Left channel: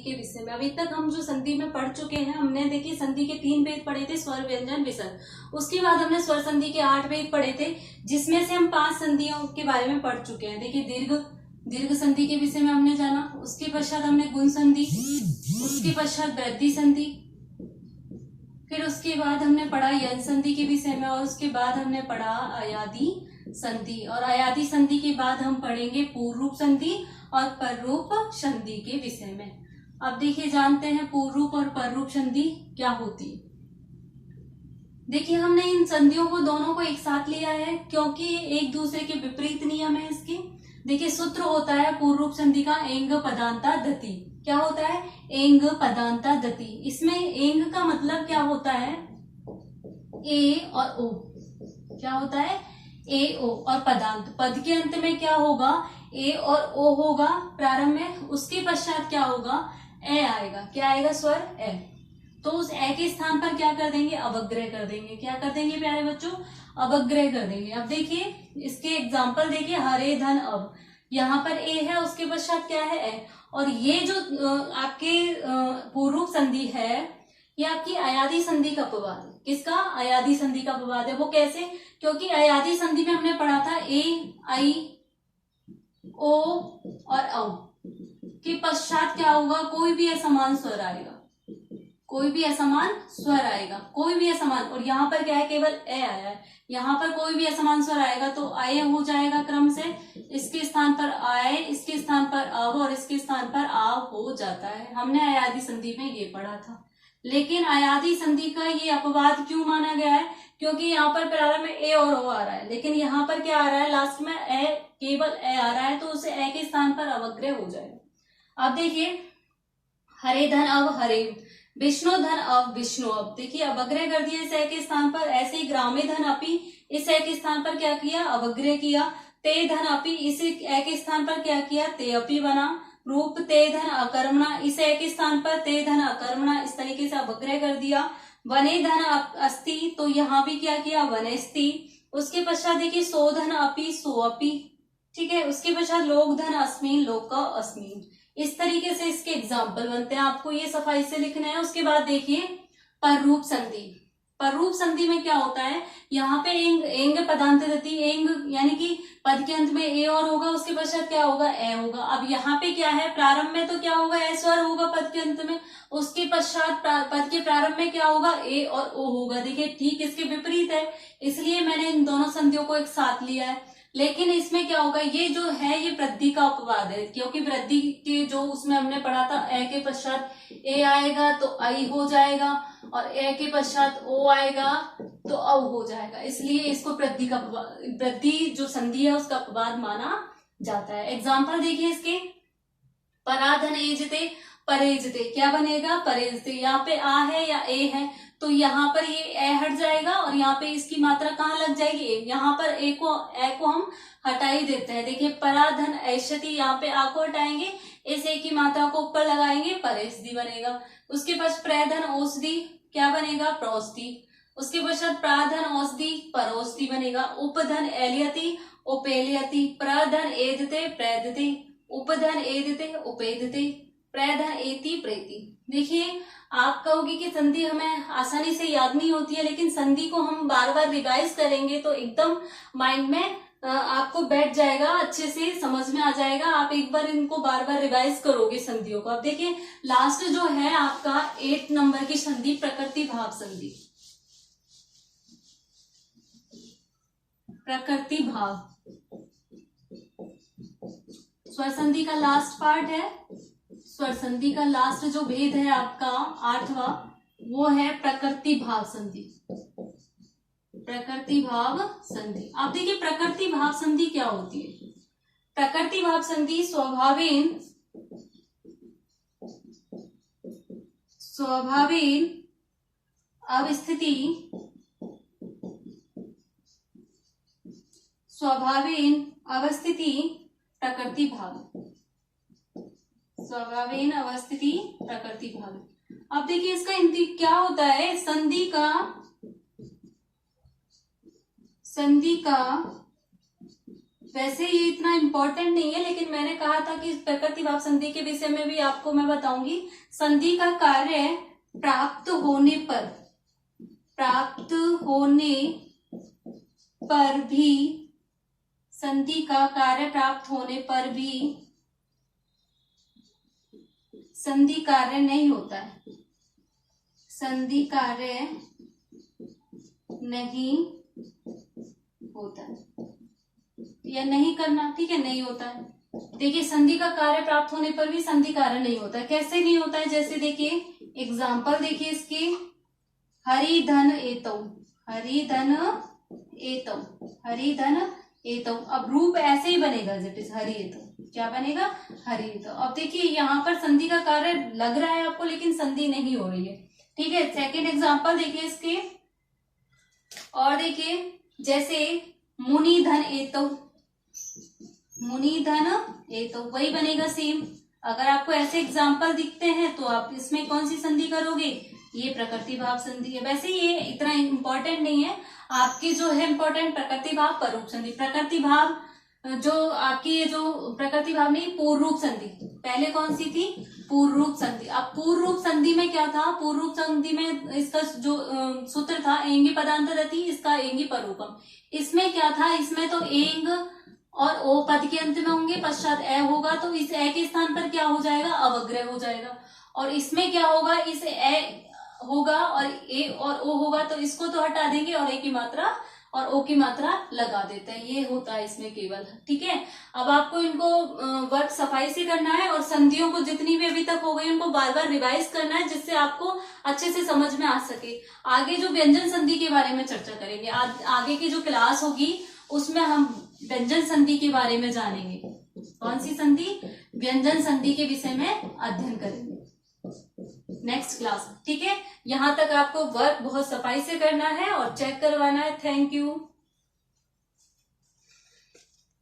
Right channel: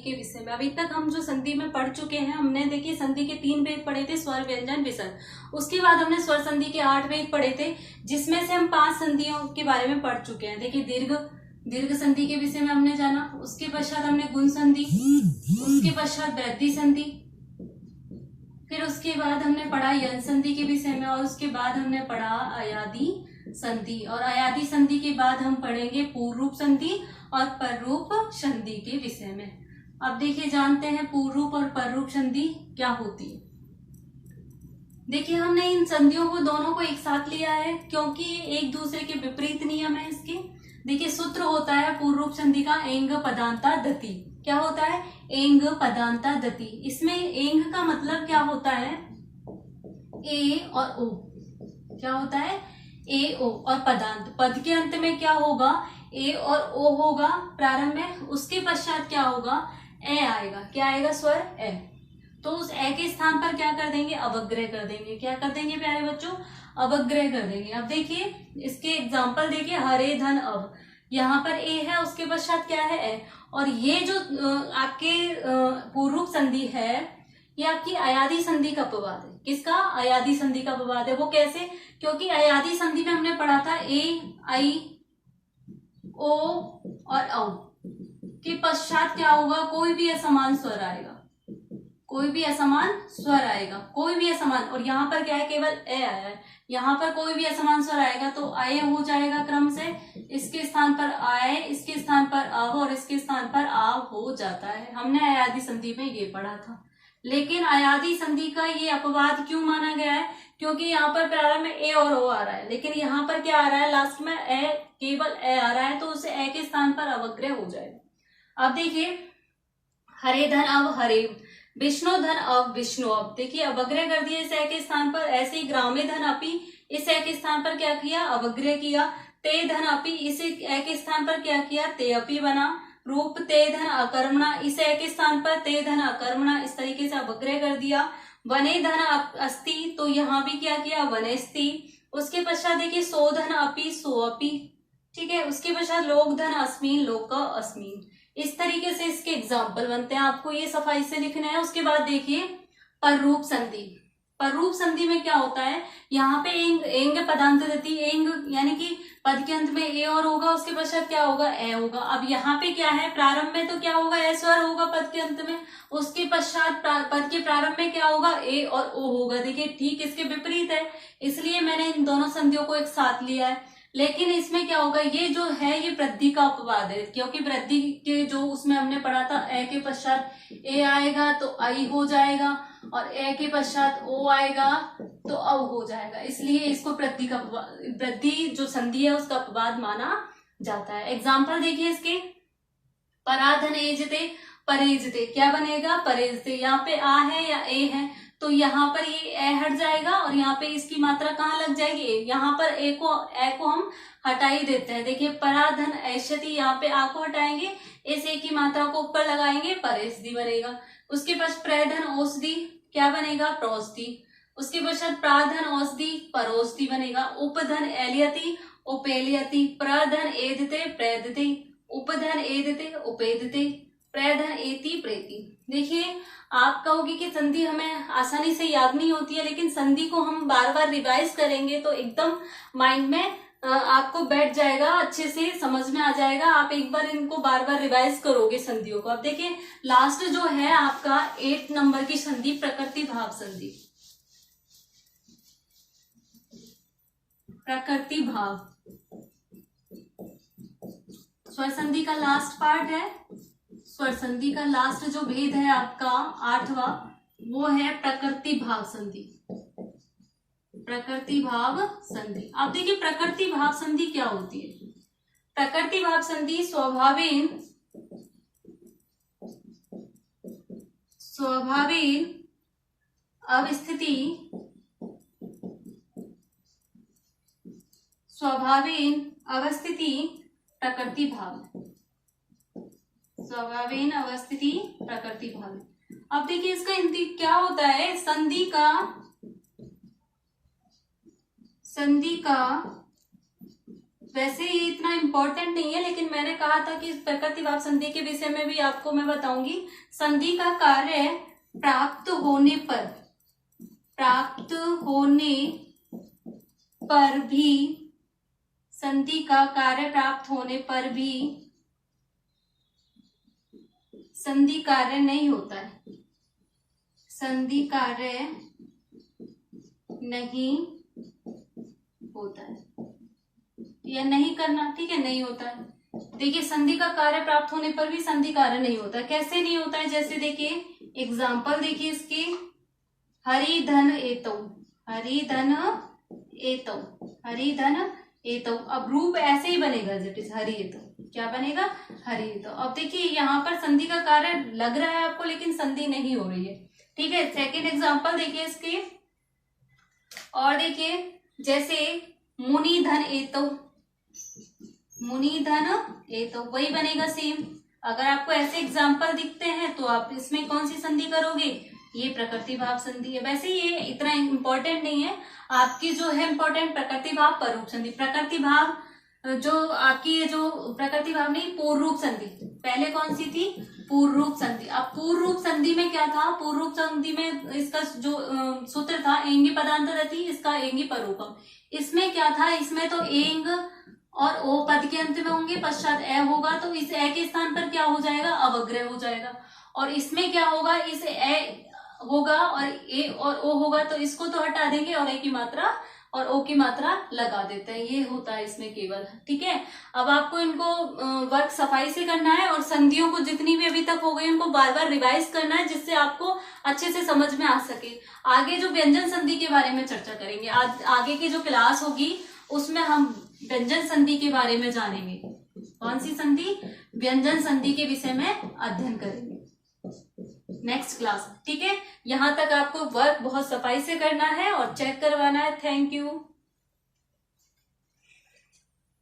के विषय में। अभी तक हम जो संधि में पढ़ चुके हैं, हमने देखिए संधि के 3 भेद पढ़े थे, स्वर, व्यंजन, विसर्ग। उसके बाद हमने स्वर संधि के 8 भेद पढ़े थे, जिसमें से हम 5 संधियों के बारे में पढ़ चुके हैं। देखिए दीर्घ संधि के विषय में हमने जाना, उसके पश्चात हमने गुण संधि, उसके पश्चात वृद्धि संधि, फिर उसके बाद हमने पढ़ा यन संधि के विषय में, और उसके बाद हमने पढ़ा अयादी संधि, और अयादी संधि के बाद हम पढ़ेंगे पूर्व रूप संधि और पररूप संधि के विषय में। अब देखिए जानते हैं पूर्व रूप और पररूप संधि क्या होती है। देखिए हमने इन संधियों को दोनों को एक साथ लिया है क्योंकि ये एक दूसरे के विपरीत नियम है इसके। देखिए सूत्र होता है पूर्व रूप संधि का एंग पदांता दति। क्या होता है? एंग पदांता दति। इसमें एंग का मतलब क्या होता है? ए और ओ। क्या होता है? ए ओ। और पदांत, पद के अंत में क्या होगा? ए और ओ होगा प्रारंभ में, उसके पश्चात क्या होगा? ए आएगा। क्या आएगा? स्वर ए। तो उस ए के स्थान पर क्या कर देंगे? अवग्रह कर देंगे। क्या कर देंगे प्यारे बच्चों? अवग्रह कर देंगे। अब देखिए इसके एग्जाम्पल देखिए, हरे धन अब, यहाँ पर ए है, उसके पश्चात क्या है? ए। और ये जो आपके पूर्व रूप संधि है, ये आपकी अयादी संधि का अपवाद है। किसका? अयादी संधि का अपवाद है। वो कैसे? क्योंकि अयादी संधि में हमने पढ़ा था ए, आई, ओ और औ के पश्चात क्या होगा? कोई भी असमान स्वर आएगा। कोई भी असमान स्वर आएगा, कोई भी असमान। और यहाँ पर क्या है? केवल ए आया है। यहाँ पर कोई भी असमान स्वर आएगा तो आय हो जाएगा क्रम से। इसके स्थान पर आय, इसके स्थान पर अव और इसके स्थान पर आव हो जाता है। हमने अयादी संधि में ये पढ़ा था। लेकिन अयादी संधि का ये अपवाद क्यों माना गया है? क्योंकि यहाँ पर प्रारंभ में ए और ओ आ रहा है, लेकिन यहाँ पर क्या आ रहा है? लास्ट में ए, केवल ए आ रहा है, तो उसे ए के स्थान पर अवग्रह हो जाएगा। अब देखिए हरे धन अब हरे, विष्णु धन अब विष्णु। अब देखिए अवग्रह कर दिया इस ए के स्थान पर। ऐसे ही ग्रामे धन अपी, इस ए के स्थान पर क्या किया? अवग्रह किया। ते धन अपी, इस ए के स्थान पर क्या किया? ते अपी बना। रूप ते धन अकर्मणा, इस ए के स्थान पर ते धन अकर्मणा, इस तरीके से अवग्रह कर दिया। वने धन अस्ति, तो यहाँ भी क्या किया? वनेस्ति। उसके पश्चात देखिए सो धन अपी, सो अपी। ठीक है, उसके पश्चात लोक धन अस्मिन, लोक अस्मिन। इस तरीके से इसके एग्जाम्पल बनते हैं, आपको ये सफाई से लिखना है। उसके बाद देखिए पररूप संधि। पररूप संधि में क्या होता है? यहाँ पे एंग पदांत दति, एंग यानी कि पद के अंत में ए और होगा, उसके पश्चात क्या होगा? ए होगा। अब यहाँ पे क्या है? प्रारंभ में तो क्या होगा? ए स्वर होगा पद के अंत में, उसके पश्चात पद के प्रारंभ में क्या होगा? ए और ओ होगा। देखिए ठीक इसके विपरीत है, इसलिए मैंने इन दोनों संधियों को एक साथ लिया है। लेकिन इसमें क्या होगा? ये जो है ये वृद्धि का अपवाद है, क्योंकि वृद्धि के जो उसमें हमने पढ़ा था, ए के पश्चात ए आएगा तो आई हो जाएगा, और ए के पश्चात ओ आएगा तो औ हो जाएगा। इसलिए इसको वृद्धि जो संधि है उसका अपवाद माना जाता है। एग्जाम्पल देखिए इसके, पराधन एजते, परेजते। क्या बनेगा? परेजते। यहाँ पे आ है या ए है, तो यहाँ पर ये ए हट जाएगा और यहाँ पे इसकी मात्रा कहाँ लग जाएगी? ए। यहाँ पर ए को हम हटा ही देते हैं। देखिए पराधन ऐशति, यहाँ पे आ को हटाएंगे, इस ए की मात्रा को ऊपर लगाएंगे, परेशदी बनेगा। उसके पास प्रधन औषधि, क्या बनेगा? प्रोषधि। उसके पश्चात प्राधन औषधि, परोषधि बनेगा। उपधन एलियति, उपेलियति। प्रधन एदते, प्रेदते। उपधन एदते, उपेदते। प्रधन एति, प्रेति। देखिए आप कहोगे कि संधि हमें आसानी से याद नहीं होती है, लेकिन संधि को हम बार बार रिवाइज करेंगे तो एकदम माइंड में आपको बैठ जाएगा, अच्छे से समझ में आ जाएगा। आप एक बार इनको बार बार रिवाइज करोगे संधियों को। अब देखिए लास्ट जो है आपका 8 नंबर की संधि, प्रकृति भाव संधि। प्रकृति भाव स्वर संधि का लास्ट पार्ट है। स्वर संधि का लास्ट जो भेद है आपका 8वां, वो है प्रकृति भाव संधि। प्रकृति भाव संधि। अब देखिए प्रकृति भाव संधि क्या होती है? प्रकृति भाव संधि स्वभावेन अवस्थिति, स्वभावेन अवस्थिति प्रकृति भाव। स्वभावेन अवस्थिति प्रकृति भाव। अब देखिए इसका क्या होता है? संधि का वैसे ये इतना इम्पोर्टेंट नहीं है, लेकिन मैंने कहा था कि प्रकृतिभाव संधि के विषय में भी आपको मैं बताऊंगी। संधि का कार्य प्राप्त होने पर भी, संधि का कार्य प्राप्त होने पर भी संधि कार्य नहीं होता है, संधि कार्य नहीं होता है या नहीं करना, ठीक है, नहीं होता है। देखिए संधि का कार्य प्राप्त होने पर भी संधि कार्य नहीं होता है। कैसे नहीं होता है, जैसे देखिए एग्जाम्पल देखिए इसके, हरि धन एतौ, हरि धन एतौ, हरि धन एतौ। अब रूप ऐसे ही बनेगा इट इज हरि एतौ, क्या बनेगा, हरि एतौ। अब देखिए यहाँ पर संधि का कार्य लग रहा है आपको, लेकिन संधि नहीं हो रही है, ठीक है। सेकेंड एग्जाम्पल देखिए इसके, और देखिए जैसे मुनि धन एतौ, मुनि धन एतौ, वही बनेगा सेम। अगर आपको ऐसे एग्जाम्पल दिखते हैं तो आप इसमें कौन सी संधि करोगे, ये प्रकृतिभाव संधि है। वैसे ये इतना इम्पोर्टेंट नहीं है, आपकी जो है इम्पोर्टेंट प्रकृतिभाव परोप संधि। प्रकृतिभाव जो आपकी ये जो प्रकृतिभाव नहीं, पूर्व रूप संधि पहले कौन सी थी, पूर्व रूप संधि। अब पूर्व रूप संधि में क्या था, पूर्व रूप संधि में इसका जो सूत्र था एंगी पदांतरति, इसका एंगी परोपम। इसमें क्या था, इसमें तो एंग और ओ पद के अंत में होंगे, पश्चात ए होगा, तो इस ए के स्थान पर क्या हो जाएगा, अवग्रह हो जाएगा। और इसमें क्या होगा, इस ए होगा और ए और ओ होगा, तो इसको तो हटा देंगे और ए की मात्रा और ओ की मात्रा लगा देते हैं, ये होता है इसमें केवल, ठीक है। अब आपको इनको वर्क सफाई से करना है, और संधियों को जितनी भी अभी तक हो गई उनको बार बार रिवाइज करना है, जिससे आपको अच्छे से समझ में आ सके। आगे जो व्यंजन संधि के बारे में चर्चा करेंगे, आगे की जो क्लास होगी उसमें हम व्यंजन संधि के बारे में जानेंगे। कौन सी संधि, व्यंजन संधि के विषय में अध्ययन करेंगे नेक्स्ट क्लास, ठीक है। यहाँ तक आपको वर्क बहुत सफाई से करना है और चेक करवाना है। Thank you.